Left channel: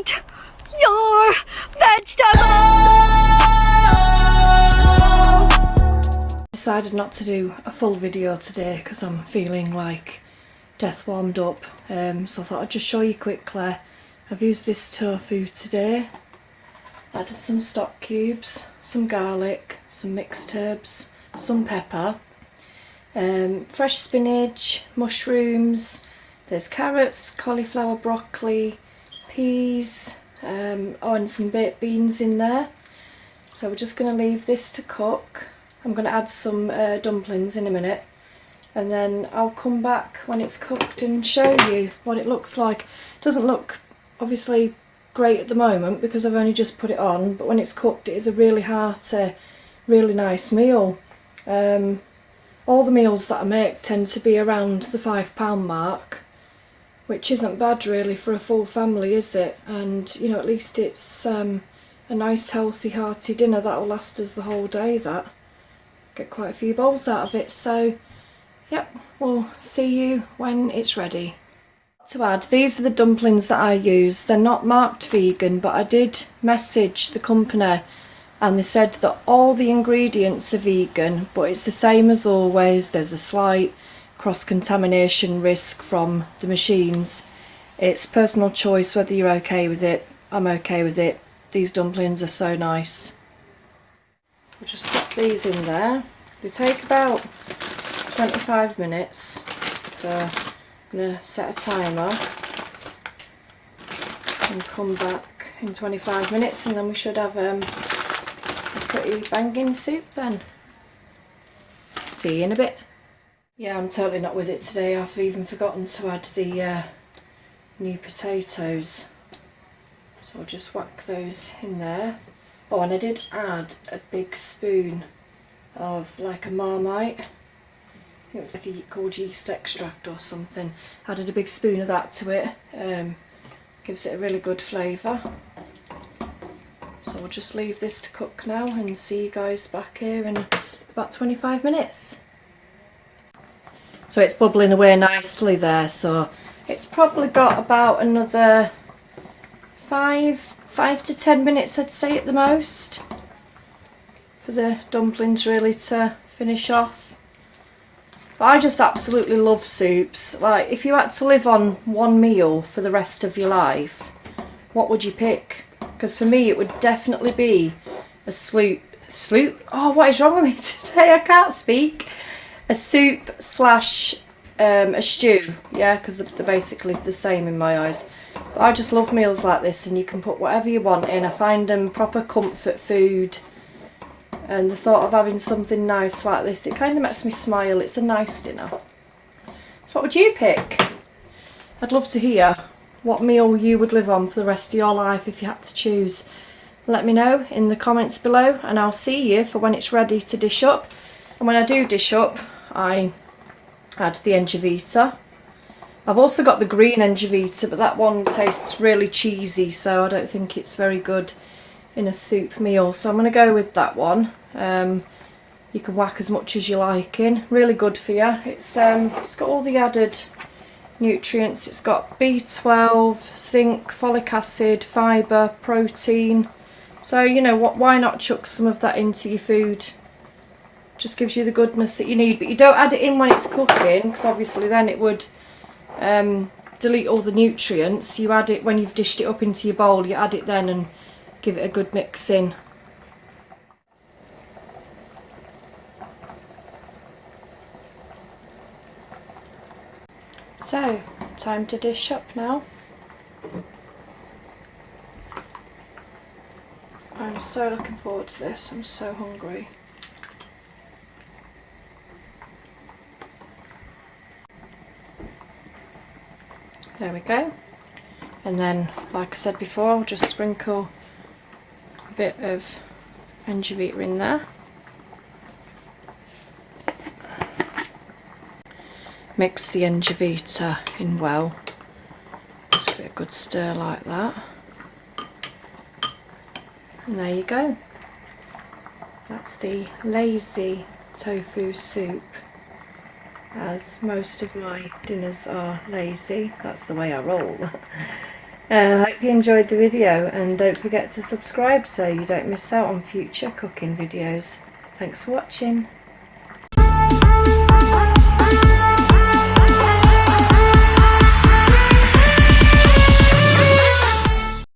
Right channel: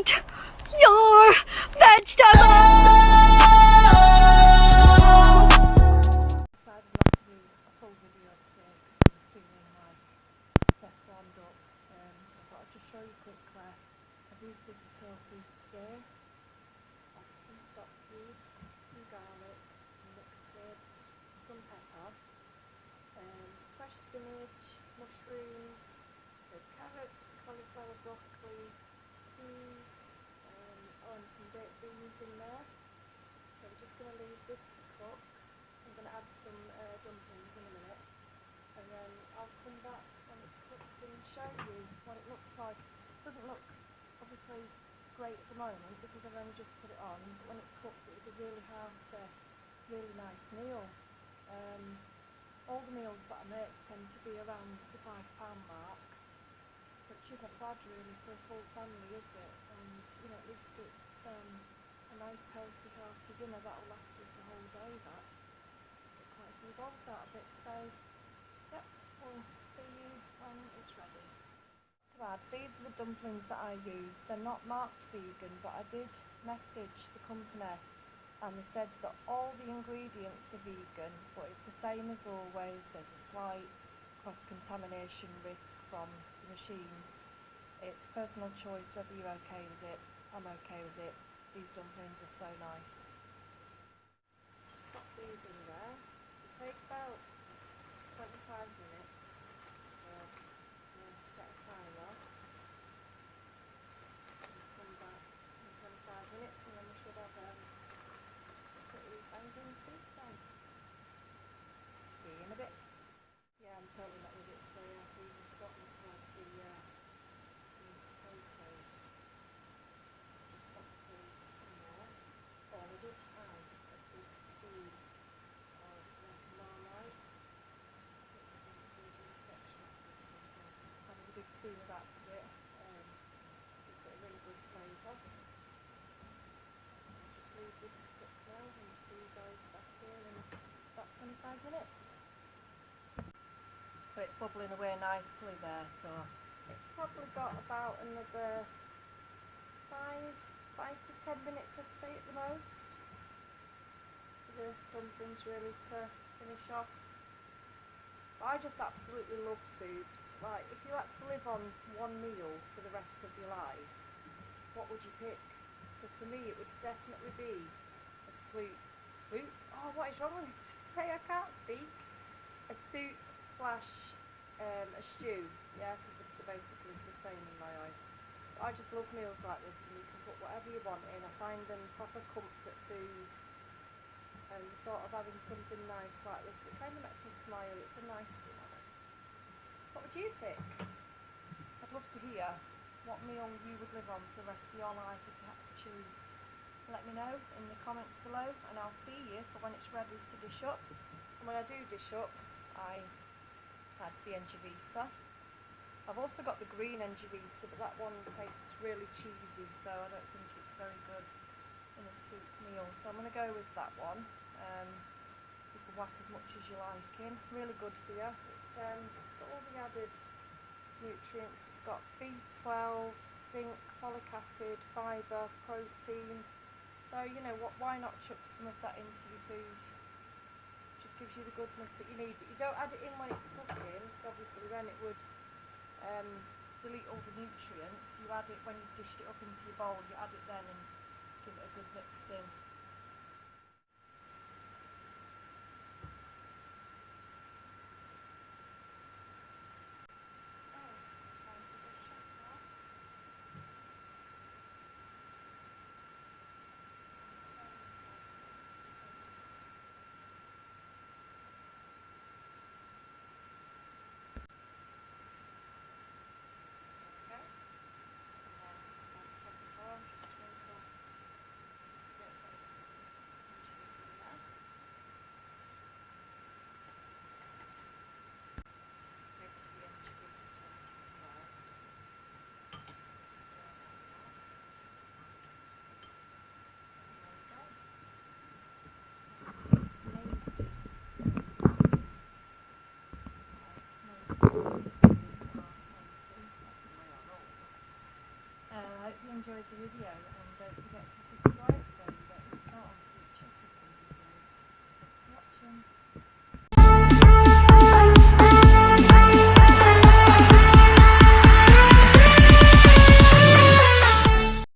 eat your vegetables. Decided not to do a full video today because I'm feeling like death warmed up, so I thought I'd just show you quickly. I've used this tofu today, added some stock cubes, some garlic, some mixed herbs, some pepper, fresh spinach, mushrooms, there's carrots, cauliflower, broccoli, peas, and some baked beans in there. So we're just going to leave this to cook. I'm going to add some dumplings in a minute, and then I'll come back when it's cooked and show you what it looks like. It doesn't look obviously great at the moment because I've only just put it on, but when it's cooked it is a really hearty, really nice meal. All the meals that I make tend to be around the £5 mark, which isn't bad really for a full family, is it? And you know, at least it's a nice healthy hearty dinner that'll last us the whole day. That get quite a few bowls out of it. So yep, we'll see you when it's ready. To add, these are the dumplings that I use. They're not marked vegan, but I did message the company and they said that all the ingredients are vegan, but it's the same as always. There's a slight cross-contamination risk from the machines. It's personal choice whether you're okay with it. I'm okay with it. These dumplings are so nice. We'll just put these in there. They take about 25 minutes, so I'm going to set a timer and come back in 25 minutes, and then we should have a pretty banging soup then. See you in a bit. Yeah, I'm totally not with it today. I've even forgotten to add the new potatoes, so I'll just whack those in there. Oh, and I did add a big spoon of like a Marmite. It was like called yeast extract or something. Added a big spoon of that to it. Gives it a really good flavour. So we'll just leave this to cook now and see you guys back here in about 25 minutes. So it's bubbling away nicely there, so it's probably got about another 5 to 10 minutes, I'd say, at the most, for the dumplings really to finish off. But I just absolutely love soups. Like, if you had to live on one meal for the rest of your life, what would you pick? Because for me it would definitely be a sloop. Oh, what is wrong with me today? I can't speak. A soup slash a stew, yeah, because they're basically the same in my eyes. But I just love meals like this, and you can put whatever you want in. I find them proper comfort food, and the thought of having something nice like this, it kind of makes me smile. It's a nice dinner. So what would you pick? I'd love to hear what meal you would live on for the rest of your life if you had to choose. Let me know in the comments below, and I'll see you for when it's ready to dish up. And when I do dish up, I add the Engevita. I've also got the green Engevita, but that one tastes really cheesy, so I don't think it's very good in a soup meal. So I'm going to go with that one. You can whack as much as you like in. Really good for you. It's got all the added nutrients. It's got B12, zinc, folic acid, fibre, protein. So you know what, why not chuck some of that into your food? Just gives you the goodness that you need. But you don't add it in when it's cooking, because obviously then it would delete all the nutrients. You add it when you've dished it up into your bowl. You add it then and give it a good mix in. So, time to dish up now. I'm so looking forward to this. I'm so hungry. There we go. And then, like I said before, I'll just sprinkle a bit of Engevita in there. Mix the Engevita in well. Just give it a good stir like that. And there you go. That's the lazy tofu soup. As most of my dinners are lazy, that's the way I roll. I hope you enjoyed the video, and don't forget to subscribe so you don't miss out on future cooking videos. Thanks for watching.